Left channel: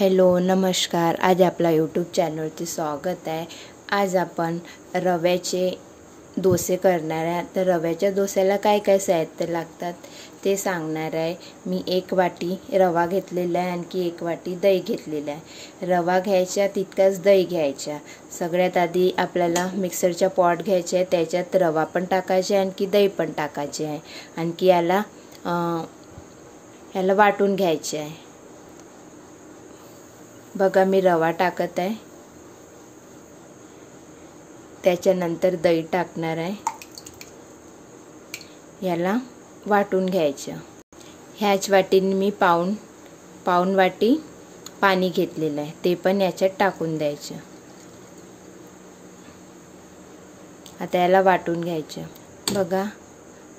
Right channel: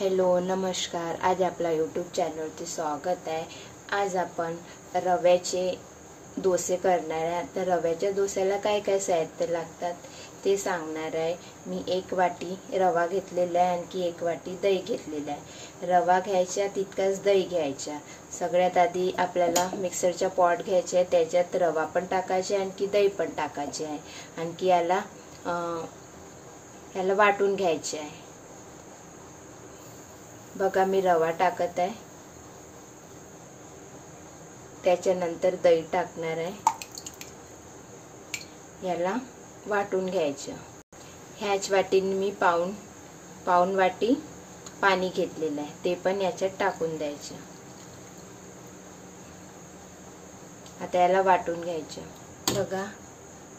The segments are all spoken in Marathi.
हॅलो नमस्कार। आज आपला यूट्यूब चॅनलवरती स्वागत आहे। आज आपण रव्याचे डोसे करणार आहे। तर रव्याच्या डोस्याला काय काय साहित्य लागतात ते सांगणार आहे। मी 1 वाटी रवा घेतलेला आहे, आणखी 1 वाटी दही घेतलेला आहे। रवा घ्यायचा तितकाच दही घ्यायचा। सगळ्यात आधी आपल्याला मिक्सरचा पॉट घ्यायचा आहे, त्याच्यात रवा पण टाकायचा आहे आणखी दही पण टाकायचे आहे। आणखी याला वाटून घ्यायचे आहे। बघा मी रवा टाकत आहे, त्याच्यानंतर दही टाकणार आहे। याला वाटून घ्यायचं। ह्याच वाटीने मी पाऊण वाटी पाणी घेतलेलं आहे, ते पण याच्यात टाकून द्यायचं। आता याला वाटून घ्यायचं। बघा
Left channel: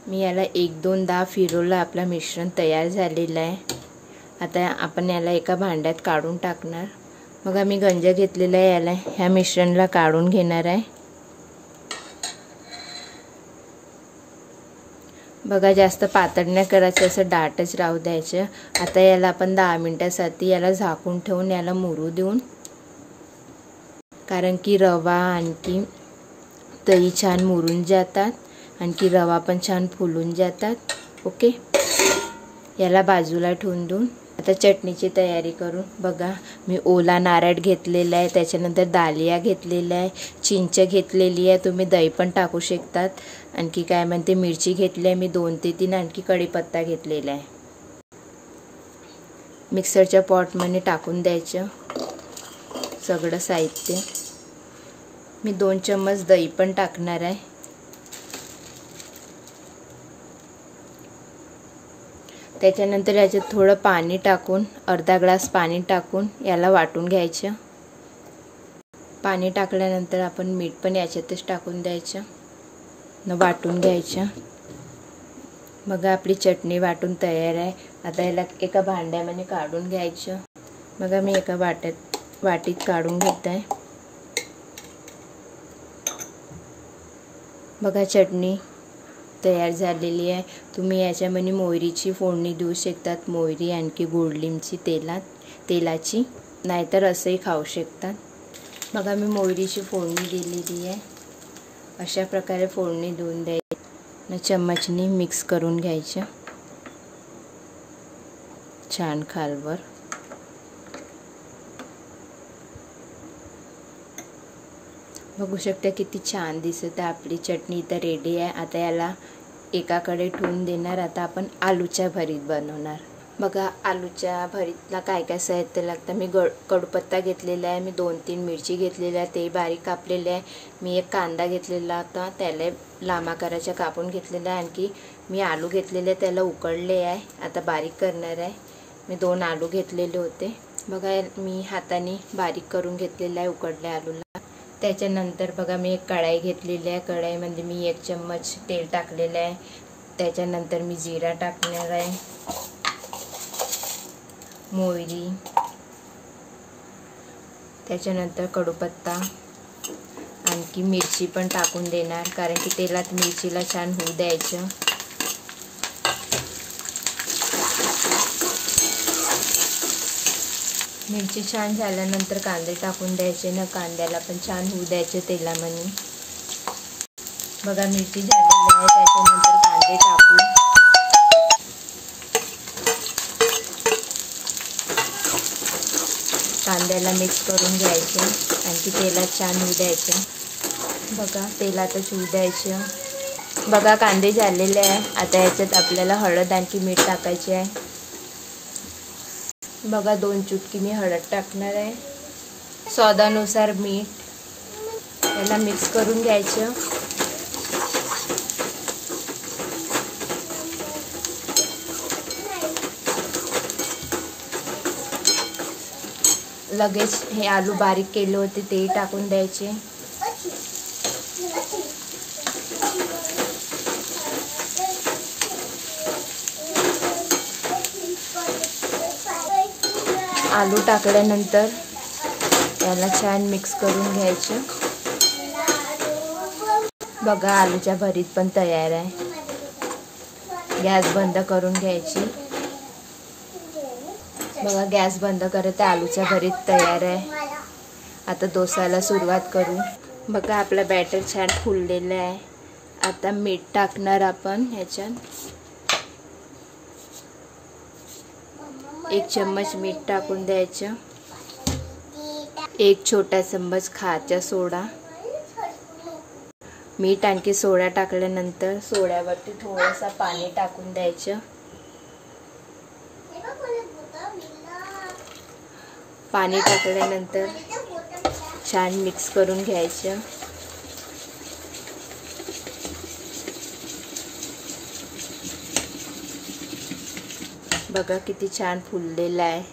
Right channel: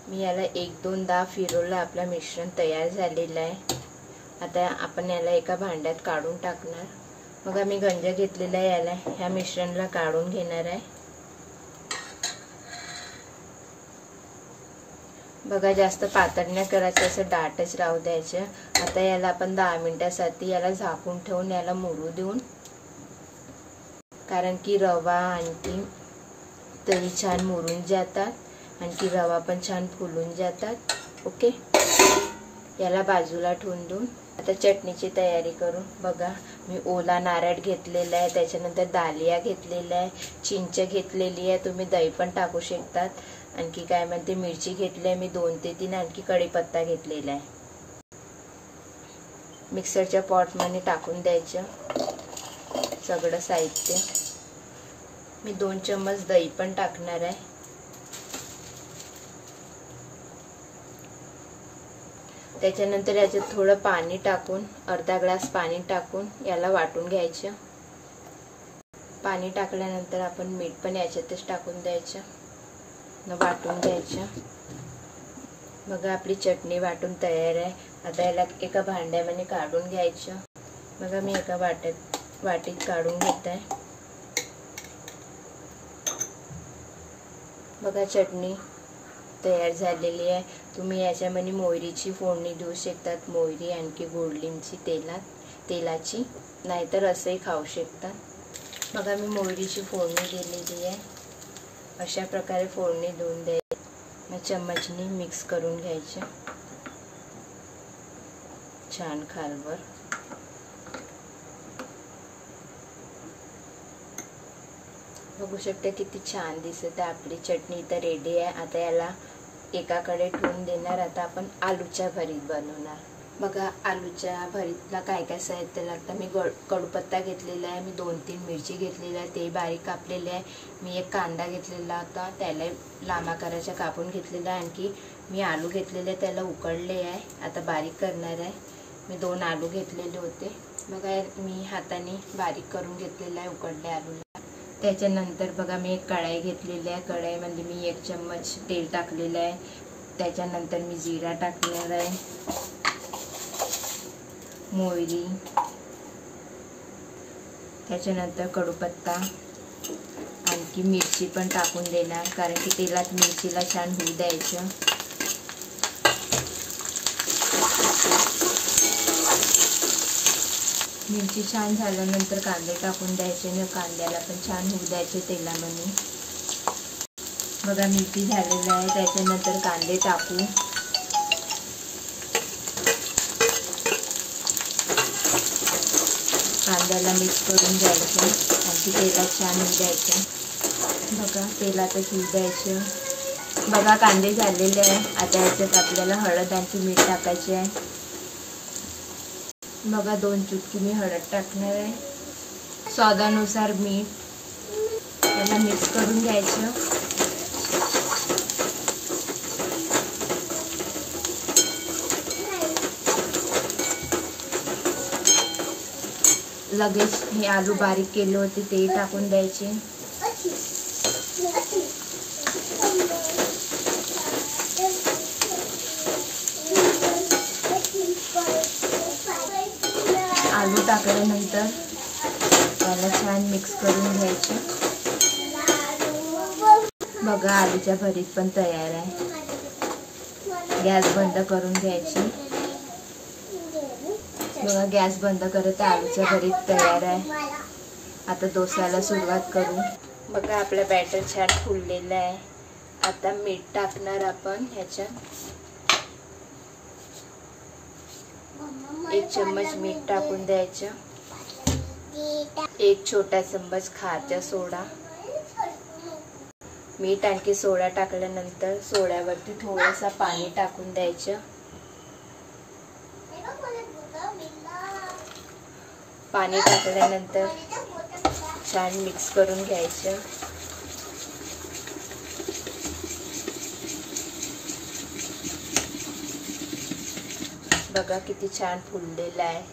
मी याला 1-2दा फिरवलं, आपलं मिश्रण तयार झालेलं आहे। आता आपण याला एका भांड्यात काढून टाकणार। बघा मी गंज घेतलेला आहे, याला ह्या मिश्रणला काढून घेणार आहे। बघा जास्त पातळ नाही करायचं, असं दाटच राहू द्यायचं। आता याला आपण 10 मिनिटांसाठी याला झाकून ठेवून याला मुरू देऊन, कारण की रवा आणखी दही छान मुरून जातात, आणखी रवा पण छान फुलून जातात। ओके, याला बाजूला ठेवून देऊन आता चटणीची तयारी करू। बघा मी ओला नारळ घेतलेला आहे, त्याच्यानंतर दालिया घेतलेला आहे, चिंच घेतलेली आहे, तुम्ही दही पण टाकू शकतात। आणखी काय म्हणते मिरची घेतली आहे मी 2 ते 3, आणखी कढीपत्ता घेतलेला आहे। मिक्सरच्या पॉटमध्ये टाकून द्यायचं सगळं साहित्य। मी 2 चम्मच दही पण टाकणार आहे। त्याच्यानंतर याच्यात थोडं पाणी टाकून, अर्धा ग्लास पाणी टाकून याला वाटून घ्यायचं। पाणी टाकल्यानंतर आपण मीठ पण याच्यातच टाकून द्यायचं, वाटून घ्यायचं। बघा आपली चटणी वाटून तयार आहे। आता याला एका भांड्यामध्ये काढून घ्यायचं। बघा मी एका वाटीत काढून घेत आहे। बघा चटणी तयार झालेली आहे। तुम्ही याच्यामध्ये मोहरीची फोडणी देऊ शकतात, मोहरी आणखी गोडलिंबची तेलाची, नाहीतर असंही खाऊ शकतात। बघा मी मोहरीची फोडणी दिलेली आहे, अशा प्रकारे फोडणी देऊन द्यायची। चम्मचनी मिक्स करून घ्यायचं छान खालवर। बघू शकता किती छान दिसत आहे। आपली चटणी तर रेडी आहे। आता याला एकाकडे ठेवून देणार। आता आपण आलूच्या भरीत बनवणार। बघा आलूच्या भरीतला काय काय साहित्य लागतं। मी कढीपत्ता घेतलेला आहे, मी 2-3 मिरची घेतलेल्या आहे, ते बारीक कापलेले आहे। मी 1 कांदा घेतलेला होता, त्याला लांब आकाराचा कापून घेतलेला आहे। आणखी मी आलू घेतलेले, त्याला उकडले आहे, आता बारीक करणार आहे। मी 2 आलू घेतलेले होते। बघा मी हाताने बारीक करून घेतलेला आहे उकडल्या आलूला। त्याच्यानंतर बघा मी 1 कढाई घेतलेली आहे, कढाईमध्ये मी 1 चम्मच तेल टाकलेलं आहे। त्याच्यानंतर मी जिरा टाकणार आहे, मोहरी, त्याच्यानंतर कढीपत्ता, आणखी मिरची पण टाकून देणार, कारण की तेलात मिरचीला छान होऊ द्यायचं। मिरची छान झाल्यानंतर कांदे टाकून द्यायचे ना, कांद्याला पण छान होऊ द्यायचे तेलामध्ये। बघा मिरची झालेली आहे, त्याच्यानंतर कांदे टाकून कांद्याला मिक्स करून घ्यायचं, आणखी तेलात छान होऊ द्यायचं। बघा तेलातच होऊ द्यायचं। बघा कांदे झालेले आहे। आता याच्यात आपल्याला हळद आणखी मीठ टाकायचे आहे। बघा 2 चुटकी मी हळद टाकणार आहे, स्वादानुसार मीठ। याला मिक्स करून घ्यायचं। लगेच हे आलू बारीक केले होते ते टाकून द्यायचे। आलू टाकल्यानंतर त्याला छान मिक्स करून घ्यायचं। बघा आलूच्या भरीत पण तयार आहे। गॅस बंद करून घ्यायची। बघा गॅस बंद करत आलूचा भरीत तयार आहे. आता डोसाला सुरुवात करू. बघा आपला बॅटर छान फुललेला आहे. आता मीठ टाकणार आपण ह्याच्यात. 1 चम्मच मीठ टाकून द्यायचं. 1 छोटा चम्मच खायचा सोडा. मीठ आणखी सोडा टाकल्यानंतर सोड्यावरती थोडंसं पाणी टाकून द्यायचं. पाणी टाकल्यानंतर छान मिक्स करून घ्यायचं. बघा किती छान फुललेला आहे.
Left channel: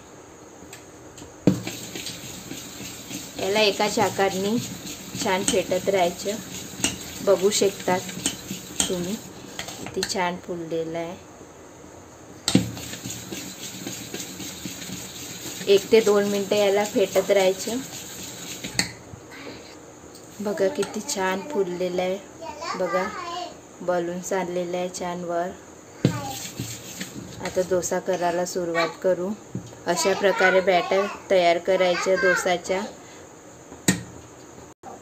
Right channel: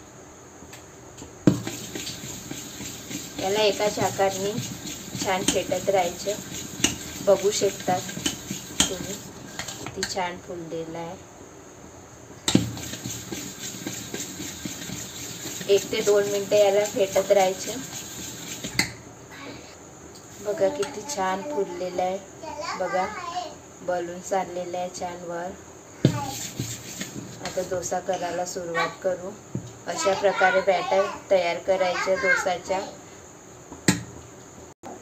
याला एकाच आकाराने छान फेटत राहायचं. बघू शकतात तुम्ही किती छान फुललेला आहे. 1 ते 2 मिनिटं याला फेटत राहायचं. बघा किती छान फुललेला आहे. बघा बलून चाललेला आहे छान वर. आता डोसा करायला सुरुवात करू. अशा प्रकारे बॅटर तयार करायचं डोसाच्या.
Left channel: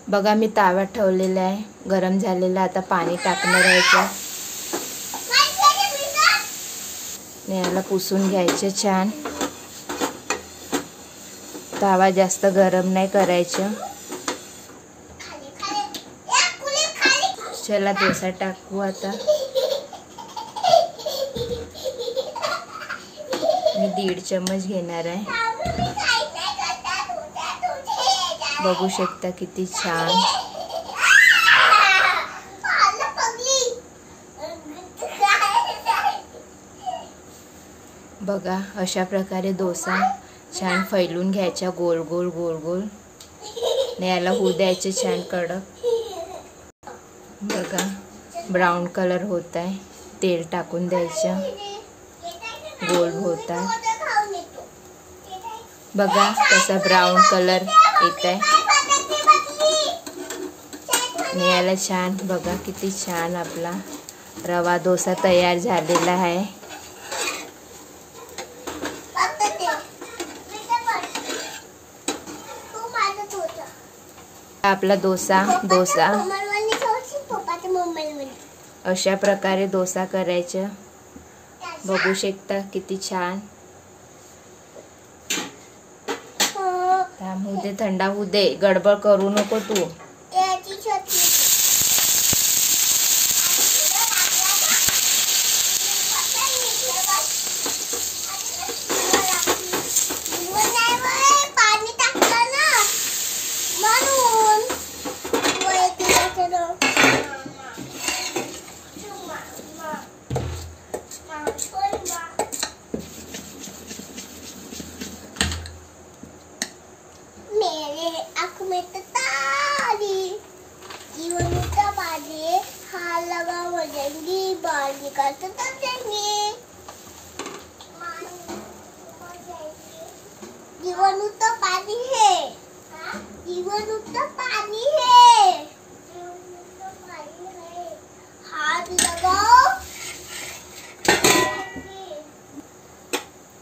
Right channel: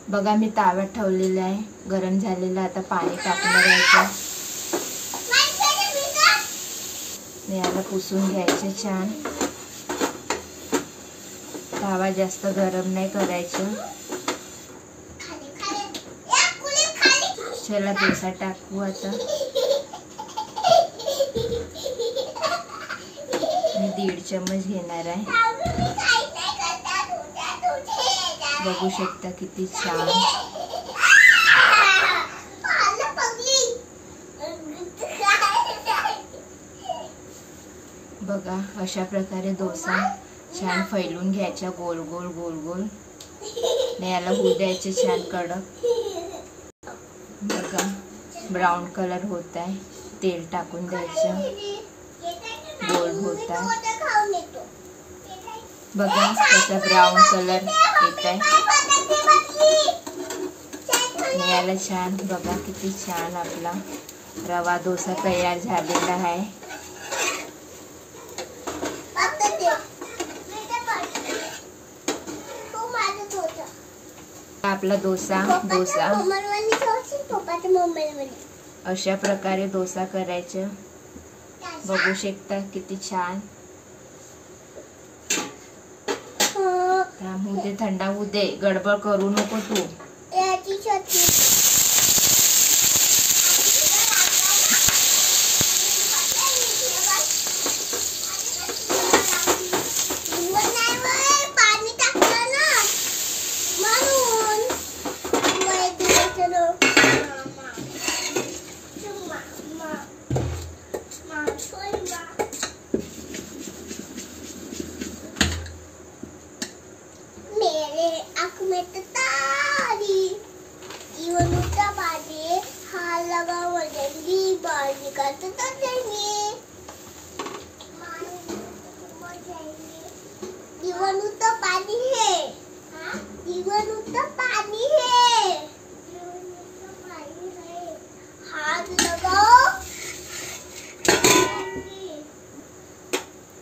बघा मी तावा ठेवलेला आहे गरम झालेला. आता पाणी टाकणार आहे. याला पुसून घ्यायचं छान. तावा जास्त गरम नाही करायचं. चला डोसा टाकू. आता मी 1.5 चम्मच घेणार आहे. बघू शकता किती छान. बघा अशा प्रकारे डोसा छान फैलून घ्यायचा. गोल गोल गोल गोल. याला होऊ द्यायचे छान कडक. बघा ब्राऊन कलर होत आहे. तेल टाकून द्यायचं. गोल होत आहे. बघा कसा ब्राऊन कलर येत आहे. याला छान. बघा किती छान आपला रवा डोसा तयार झालेला आहे. आपला डोसा अशा प्रकारे डोसा करायचं. बघू शकता किती छान. होऊ दे, थंडा होऊ दे. गडबड करू नको तू.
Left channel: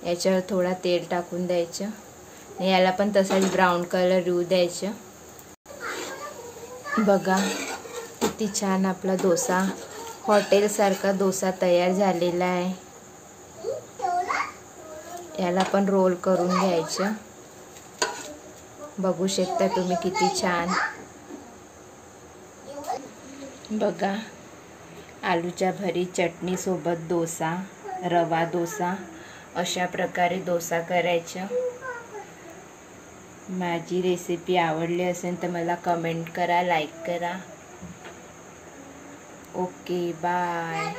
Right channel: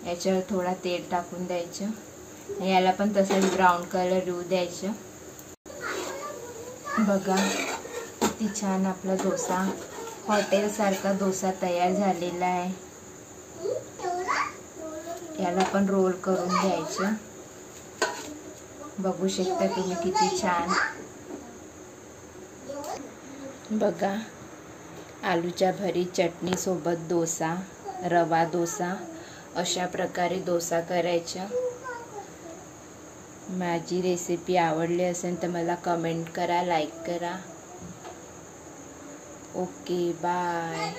याच्यावर थोडा तेल टाकून द्यायचं. याला पण तसाच ब्राऊन कलर येऊ द्यायचं. बघा किती छान आपला डोसा हॉटेल सारखा डोसा तयार झालेला आहे. याला पण रोल करून घ्यायचं. बघू शकता तुम्ही किती छान. बघा आलूच्या भरीत चटणी सोबत डोसा, रवा डोसा. अशा प्रकारे डोसा करायचा. माझी रेसिपी आवडली असेल तर मला कमेंट करा, लाईक करा. Okay bye.